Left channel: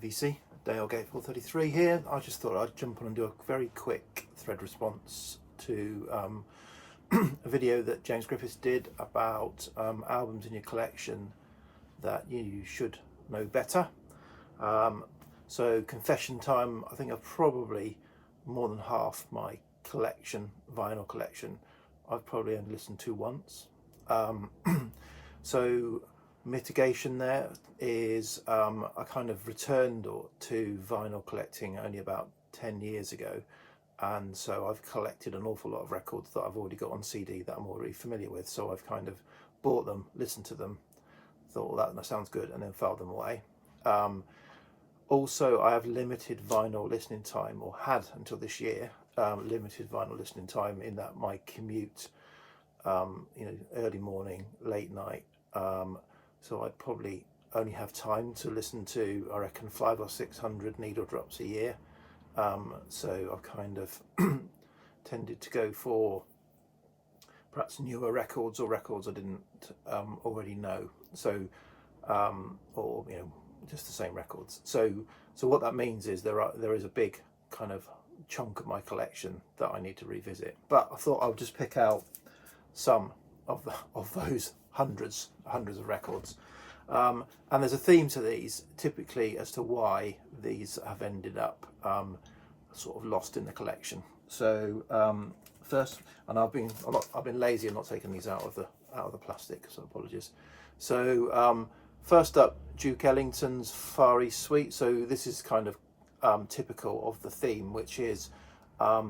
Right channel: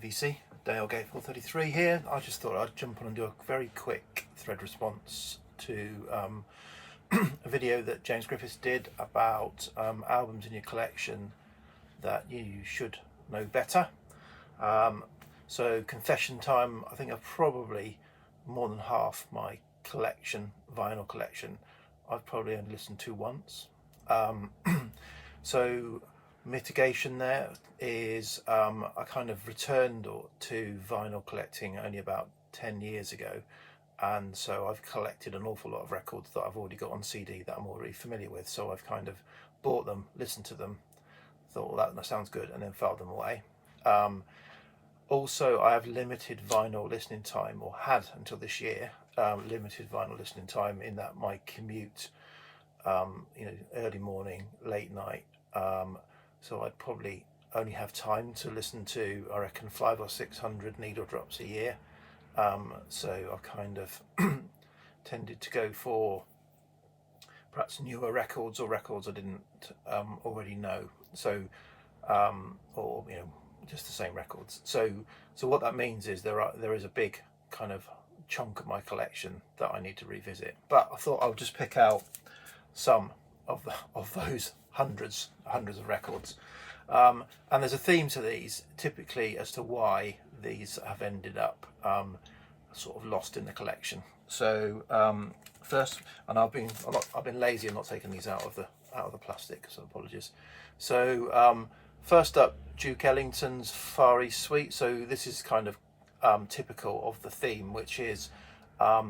VC, Dale Gateful 33 here. I just thought I'd jump on and do a very quick thread response to a video that James Griffiths did about albums in your collection that you should know better. So confession time, I think I've probably more than half my collection, vinyl collection, I've probably only listened to once. So mitigation there is I kind of returned to vinyl collecting only about 10 years ago, and so I've collected an awful lot of records that I've already got on CD that I'm already familiar with, so I've kind of bought them, listened to them, thought, well, that sounds good, and then filed them away. Also, I have limited vinyl listening time, or had until this year, limited vinyl listening time in that my commute, early morning, late night, so I'd probably only have time to listen to, I reckon, 500 or 600 needle drops a year. So I kind of tended to go for perhaps newer records or records I didn't already know. So, or just the same records. So what that means is there is a big kind of chunk of my collection that I need to revisit. But I thought I'll just pick out some of those hundreds of records. And there's a theme to these, typically, as to why these have ended up sort of lost in the collection. So first, and I've been lazy and not taking these out of the plastic, so apologies. So first up, Duke Ellington's Far East Suite. So this is kind of typical of the theme, which is, I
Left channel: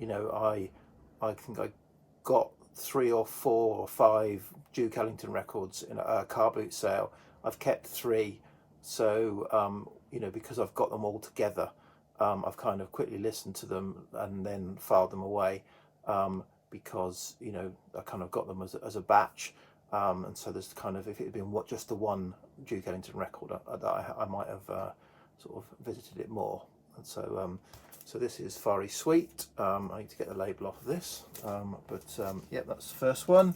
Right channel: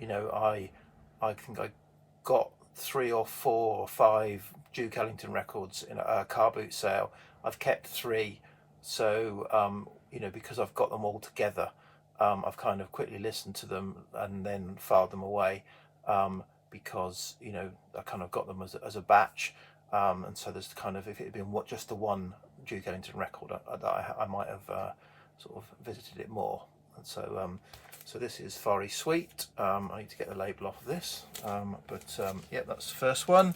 think I got 3 or 4 or 5 Duke Ellington records in a car boot sale. I've kept 3, so because I've got them all together, I've kind of quickly listened to them and then filed them away, because I kind of got them as a batch, and so there's kind of, if it had been just the one Duke Ellington record, I might have sort of visited it more. And so so this is Far East Suite. I need to get the label off of this, yeah, that's the first one.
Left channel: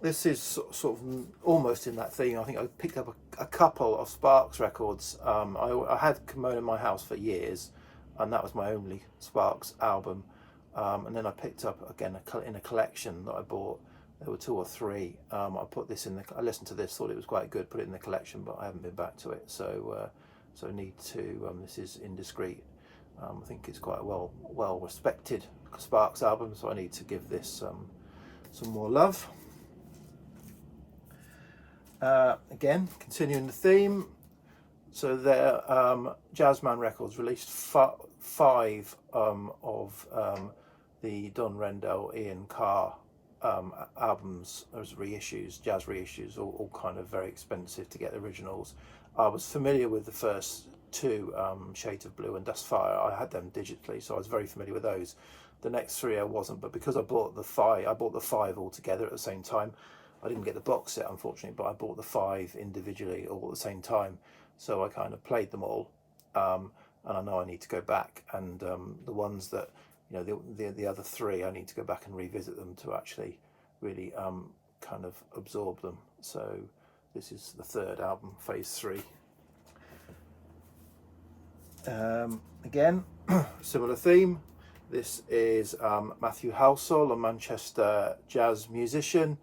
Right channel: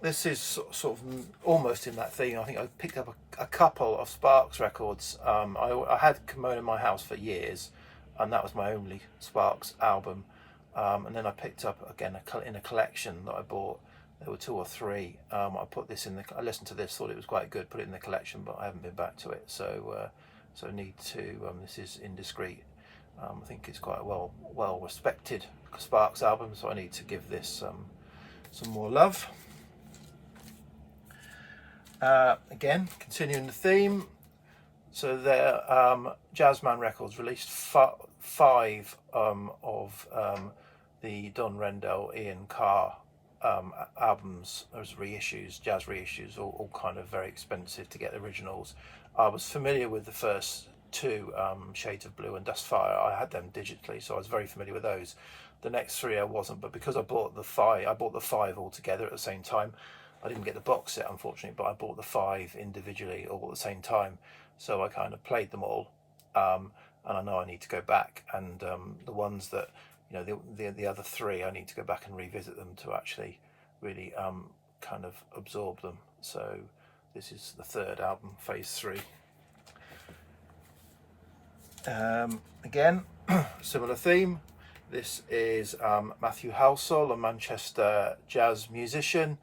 This is sort of almost in that theme. I think I picked up a couple of Sparks records. I had Kimono in my house for years, and that was my only Sparks album. And then I picked up again in a collection that I bought. There were 2 or 3. I put this in I listened to this, thought it was quite good, put it in the collection, but I haven't been back to it. So I need to. This is Indiscreet. I think it's quite a well respected Sparks album, so I need to give this some more love. Again, continuing the theme. So their Jazzman Records released 5 of the Don Rendell, Ian Carr albums as reissues, jazz reissues, all kind of very expensive to get originals. I was familiar with the first 2, Shades of Blue and Dustfire. I had them digitally, so I was very familiar with those. The next 3 I wasn't, but because I bought the 5 all together at the same time. I didn't get the box set, unfortunately, but I bought the 5 individually all at the same time. So I kind of played them all, and I know I need to go back, and the ones that, the other 3, I need to go back and revisit them to actually really kind of absorb them. So this is the 3rd album, phase 3. Again, similar theme. This is Matthew Halsall, a Manchester jazz musician.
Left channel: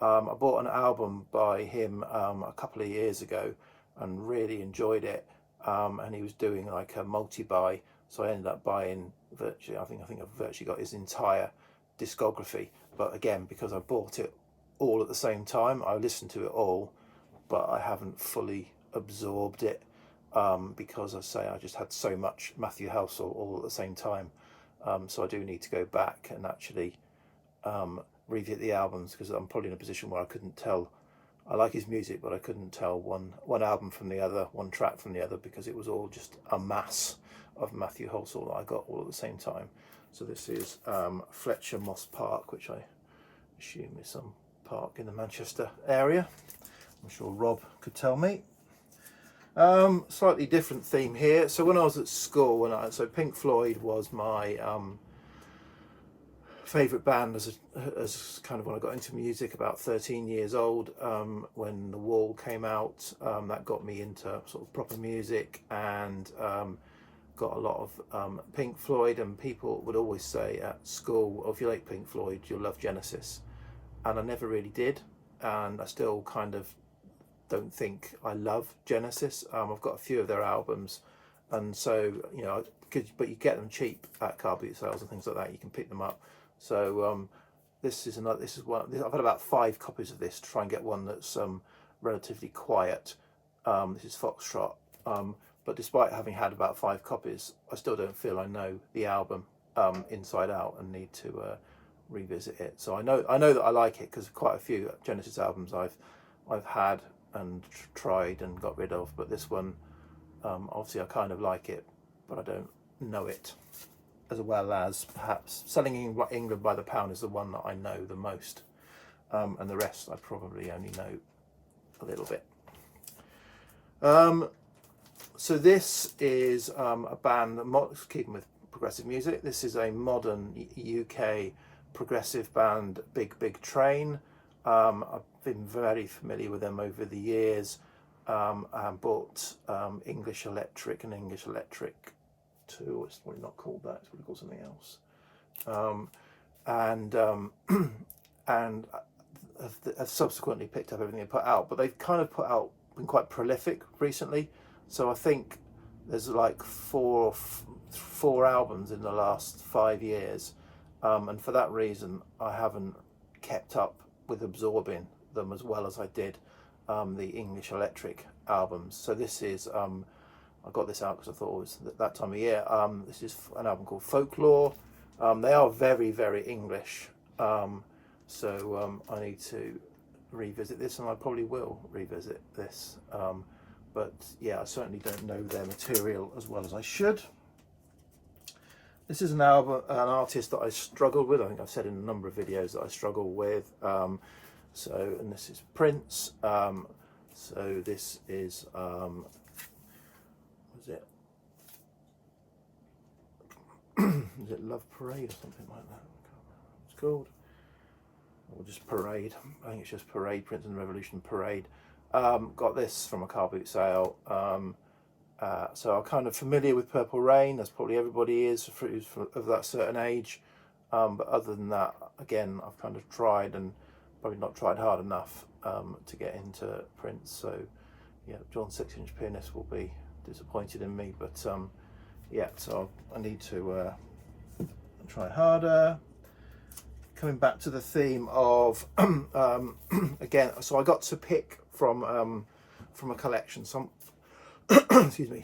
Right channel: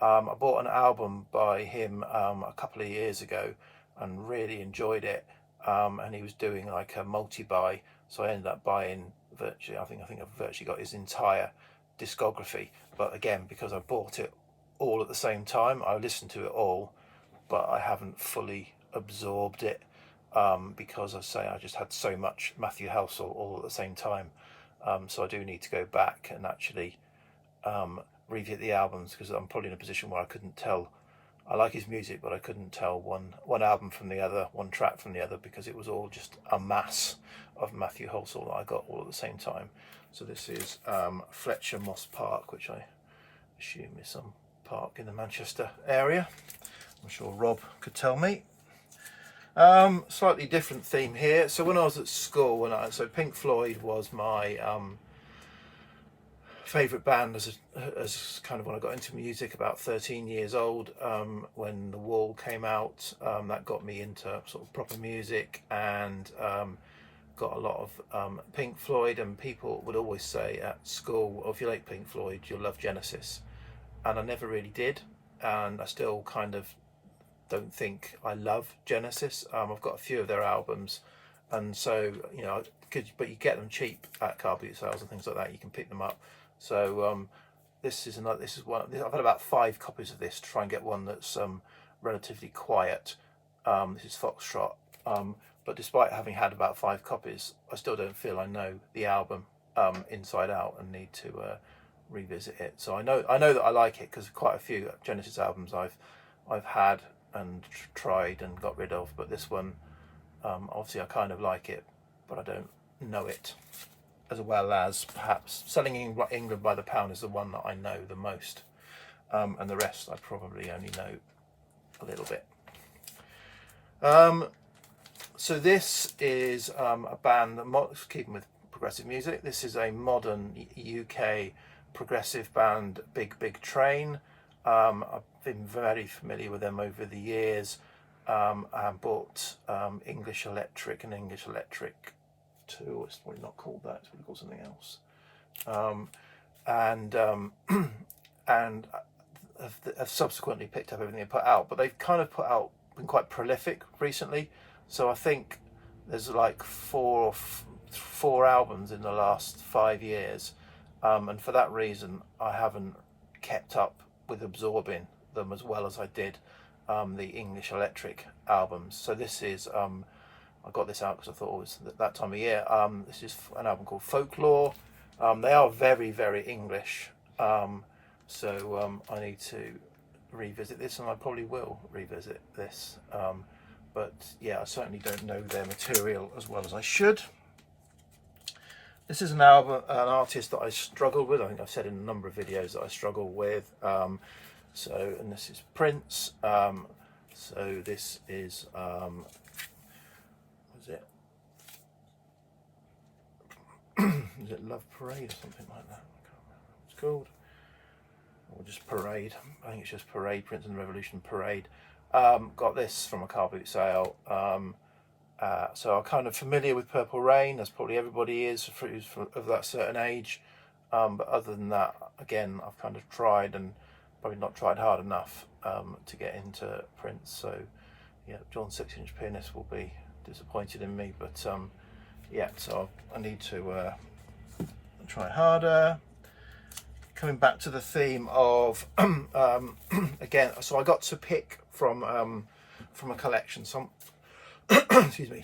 I bought an album by him a couple of years ago and really enjoyed it. And he was doing like a multi-buy, so I ended up buying virtually, I think I've virtually got his entire discography. But again, because I bought it all at the same time, I listened to it all, but I haven't fully absorbed it, because I just had so much Matthew Halsall all at the same time. So I do need to go back and actually revisit the albums, because I'm probably in a position where I couldn't tell. I like his music, but I couldn't tell one album from the other, one track from the other, because it was all just a mass of Matthew Halsall that I got all at the same time. So this is Fletcher Moss Park, which I assume is some park in the Manchester area. I'm sure Rob could tell me. Slightly different theme here. So when I was at school, so Pink Floyd was my favourite band as kind of when I got into music, about 13 years old, when The Wall came out. That got me into sort of proper music, and got a lot of Pink Floyd. And people would always say at school, oh, if you like Pink Floyd, you'll love Genesis. And I never really did, and I still kind of don't think I love Genesis. I've got a few of their albums, and so, you know, but you get them cheap at car boot sales and things like that. You can pick them up. So this is one. I've had about 5 copies of this to try and get one that's relatively quiet. This is Foxtrot. But despite having had about 5 copies, I still don't feel I know the album inside out, and need to revisit it. So I know that I like it, because quite a few Genesis albums I've had and tried and got rid of, but this one, obviously I kind of like it, but I don't know it as well as perhaps Selling England by the Pound is the one that I know the most, and the rest I probably only know a little bit. So this is a band that, keeping with progressive music, this is a modern UK progressive band, Big Train. I've been very familiar with them over the years. I bought English Electric and English Electric 2. It's probably not called that, it's probably called something else. And have subsequently picked up everything they put out, but they've kind of been quite prolific recently. So I think there's like four albums in the last 5 years, and for that reason I haven't kept up with absorbing them as well as I did the English Electric albums. So this is, I got this out because I thought it was that time of year. This is an album called Folklore. They are very, very English, so I need to revisit this, and I probably will revisit this. But yeah, I certainly don't know their material as well as I should. This is an artist that I struggle with. I think I've said in a number of videos that I struggle with. And this is Prince. So this is, what is it? Is it Love Parade or something like that? I can't remember what it's called. Or just Parade. I think it's just Parade, Prince and the Revolution Parade. Got this from a car boot sale. So I'm kind of familiar with Purple Rain, as probably everybody is who's of that certain age. But other than that, again, I've kind of tried, and probably not tried hard enough to get into Prince. So yeah, John 6-inch Pianist will be disappointed in me. But yeah, so I need to try harder. Coming back to the theme of again, so I got to pick from a collection. Excuse me.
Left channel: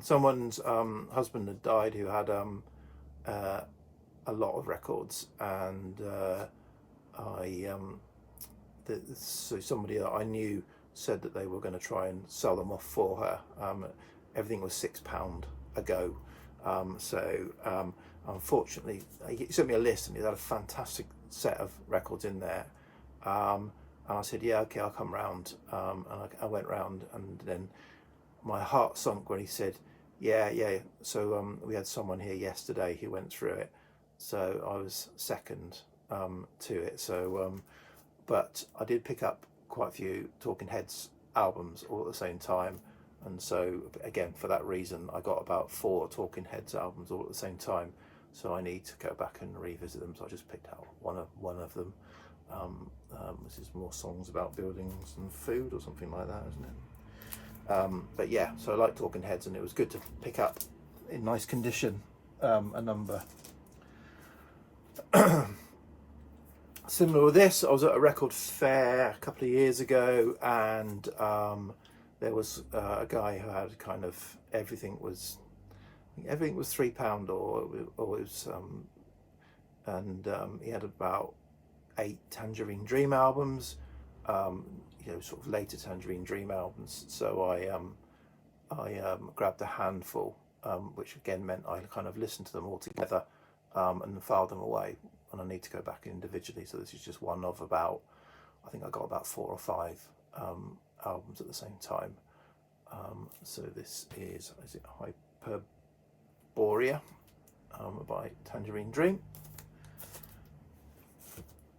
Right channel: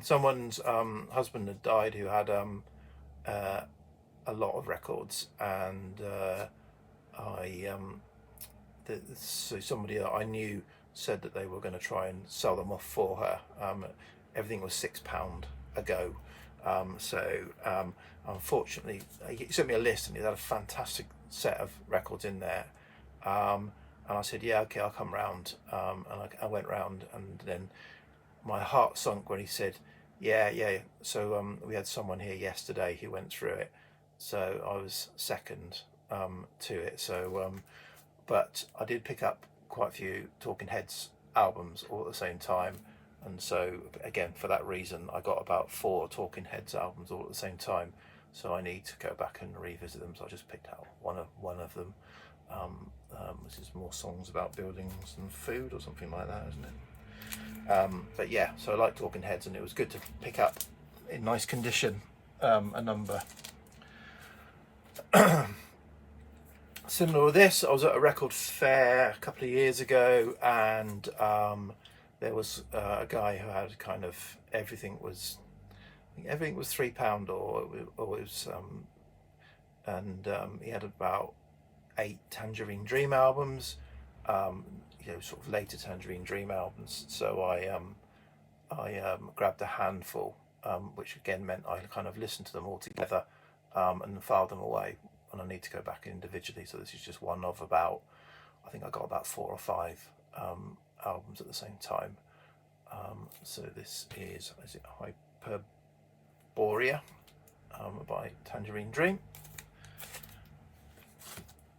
Someone's husband had died who had a lot of records, and so somebody that I knew said that they were going to try and sell them off for her. Everything was £6 a go. Unfortunately, he sent me a list, and he had a fantastic set of records in there. And I said, yeah, okay, I'll come round. And I went round, and then my heart sunk when he said, yeah. So we had someone here yesterday who went through it. So I was second to it. So, but I did pick up quite a few Talking Heads albums all at the same time. And so, again, for that reason, I got about 4 Talking Heads albums all at the same time. So I need to go back and revisit them. So I just picked out one of them. This is more songs about buildings and food or something like that, isn't it? But yeah, so I like Talking Heads, and it was good to pick up in nice condition a number. Similar with this, I was at a record fair a couple of years ago, and there was a guy who had kind of everything was £3, or it was, and he had about 8 Tangerine Dream albums, sort of later Tangerine Dream albums. So I grabbed a handful, which again meant I kind of listened to them all together and filed them away. And I need to go back individually. So this is just one of about, I think I got about 4 or 5 albums at the same time. So this is it Hyperborea by Tangerine Dream.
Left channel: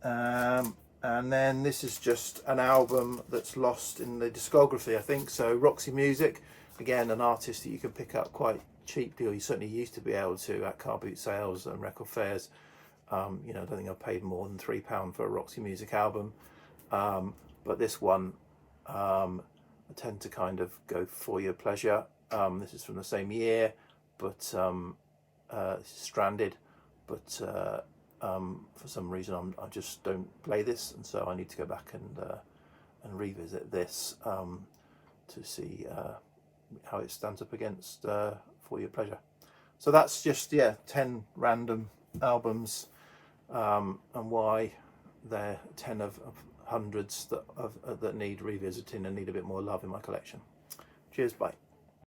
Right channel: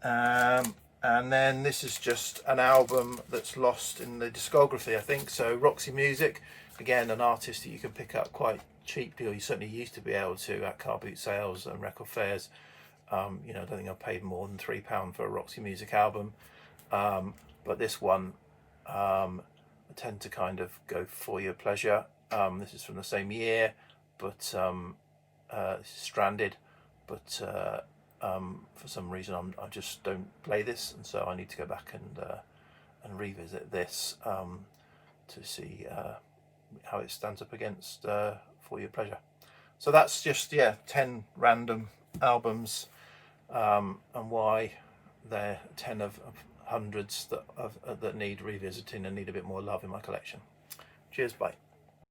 And then this is just an album that's lost in the discography, I think. So Roxy Music, again, an artist that you can pick up quite cheaply, or you certainly used to be able to at car boot sales and record fairs. You know, I don't think I've paid more than £3 for a Roxy Music album. But this one, I tend to kind of go for your pleasure. This is from the same year, but this is Stranded. But for some reason, I just don't play this, and so I need to go back and revisit this to see how it stands up against For Your Pleasure. So that's just 10 random albums, and why they're 10 of hundreds that need revisiting and need a bit more love in my collection. Cheers, bye.